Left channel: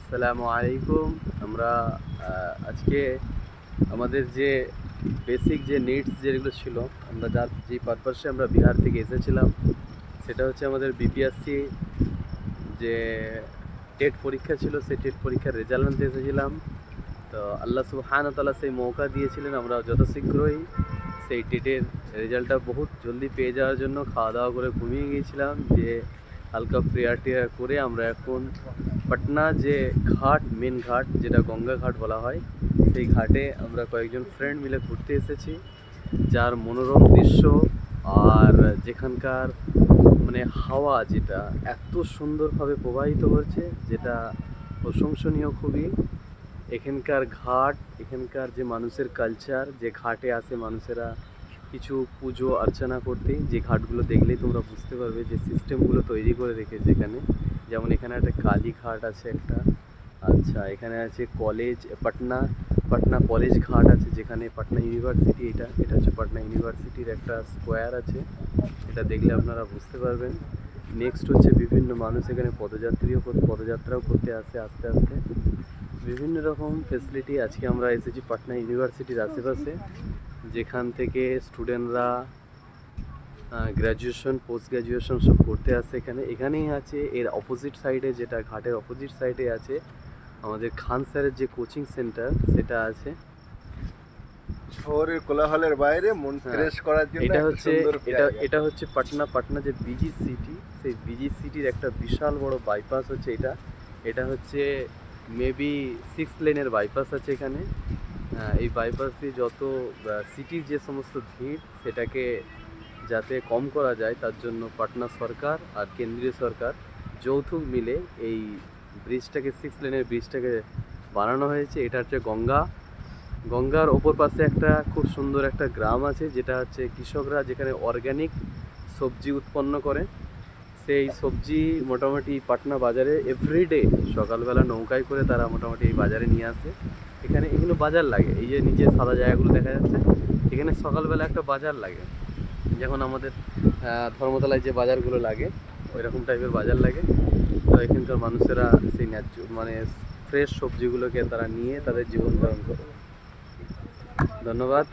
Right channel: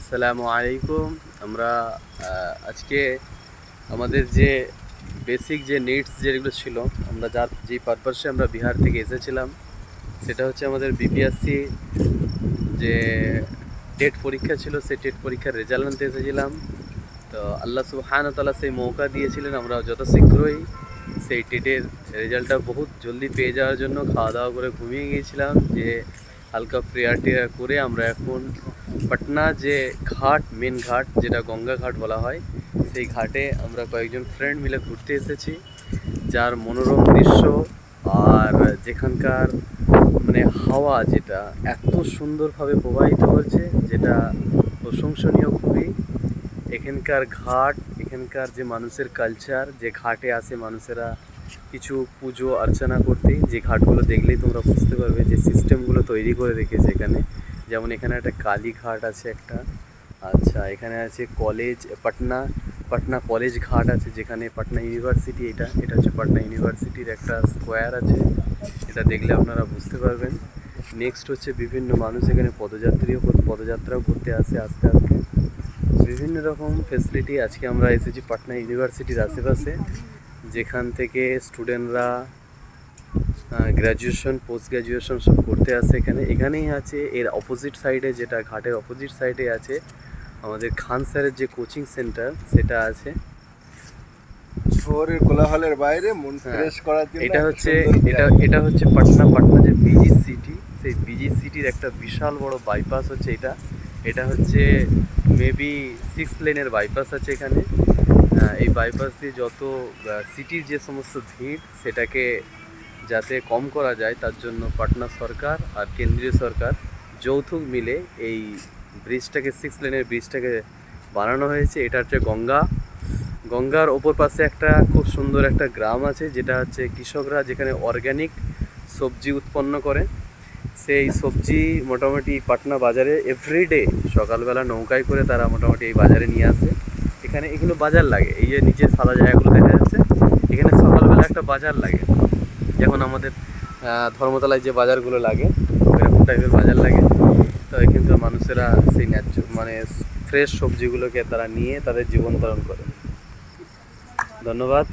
আসসালামু আলাইকুম। আমরা আজকে আমাদের যে বেসিক যে নিডস যেগুলো ছিল, আমরা যে পারপাসে আমরা বিহার থেকে এসেছিলাম, সেটা হচ্ছে আমাদের বিপিএসসি যে টেট পরীক্ষা ছিল, সেই টেট পরীক্ষার রেজাল্ট আনতে এসেছিলাম। তো আল্লাহ সুবহানাহু ওয়া তাআলা সেই মৌকা দিয়েছিলেন, আমরা যত শীঘ্রই সেই টেটের রেজাল্টটা বহুত জলদি পেয়ে যাওয়ার জন্য খাওয়া দাওয়া করে ঘুমিয়ে গিয়েছিলাম। যে হালকা প্রেয়ার টেয়ার করে আমরা এখন পাটনা যে ঘাট, মেন ঘাট যেটা গঙ্গা ঘাট বলা হয়, সেই ঘাটে আমরা কয়েকজন ফ্রেন্ড মিলে ঘুরতে এসেছি। যার মনোরম দৃশ্য আর যেখানকার মানে হাওয়া যেটা এত সুন্দরভাবে প্রবাহিত হচ্ছে, যেটা প্রশংসনীয় খুবই। এখানকার ঘাট, এখানকার যে মানুষের কালচার, যে ঘাটে আসে মানুষেরা কিছু পুজো অর্চনা করতে, যে ঘাটগুলো দেখলেই তোমরা বুঝতে পারবে যে সিস্টেমগুলো তৈরি করে রেখেছে এখানে। যেমন এখানে একটা কালী ঘাট আছে একটা, আচ্ছা এখানে আছে কলেজ পাটনা, পাটনা কলেজ ঘাট আছে, যেখানে পাটনা ইউনিভার্সিটি, এটা হচ্ছে পাটনা ইউনিভার্সিটির একটা স্কোয়ার আছে, এটা দেখলে আপনারা বুঝতে পারবেন। নেক্সট হচ্ছে বিভিন্ন মানুষ এখানে পদযাত্রাও করতে আসে আস্তে আস্তে। বিভিন্ন রকম ফেসিলিটি। আজকে আমরা এসেছি পাটনা ইউনিভার্সিটির আশেপাশে, যেখান থেকে স্টুডেন্টরা গ্র্যাজুয়েশন, পোস্ট গ্র্যাজুয়েশন সব করতে আসে এখানেই আছে। এর অপোজিট সাইডে, যেটা ঘাটের অপোজিট সাইডে আছে আমাদের খান স্যারের যে কোচিং সেন্টার, সেটা আছে। শহরের কোলাহলের বাইরে মন ফ্রেশ করার জন্য এটা হচ্ছে পাটনা যে বিজি সিটি, সেই বিজি সিটির একটা বিশাল বড় বাইপাস হচ্ছে এটা। এটা হচ্ছে মেবি 6 লেনের বাইপাস আছে এখানে। এই বাইপাস দিয়ে যত সিটির যে সমস্ত ভিড়, সেটাকে যাতে কম করা যায়, তার জন্য পাটনা সরকার আর কেন্দ্রীয় সরকার যৌথ মিলে এই ব্রিজটাকে, 6 লেনের ব্রিজটাকে বানানো হয়েছে। এটা হচ্ছে গঙ্গার ওপর পাশে একটা খুব সুন্দর একটা গ্রাম আছে, যেটা হচ্ছে কৃষকরা যেখানে অর্গ্যানিক সবজি উৎপন্ন করে। সেই সবজি মোটামুটি পাটনা বাজারে এভরিডে সকালবেলা নৌকায় করে তারা মোটামুটি এই বাজারে নিয়ে আসে। এগুলো বাজার লাগে, এই যে নিচে সাদা জায়গাগুলো দেখা যাচ্ছে, এখানে সকালবেলা একটা বাজার লাগে, যেমন আমাদের ধর্মতলায় যে বাজারগুলো লাগে, এরকম টাইপের বাজার লাগে। তো এখানকার মানুষেরা সেই মানে ফ্রেশ সবজিগুলোকে তারা নিয়ে তাদের জীবন ধারণ করে। ধন্যবাদ।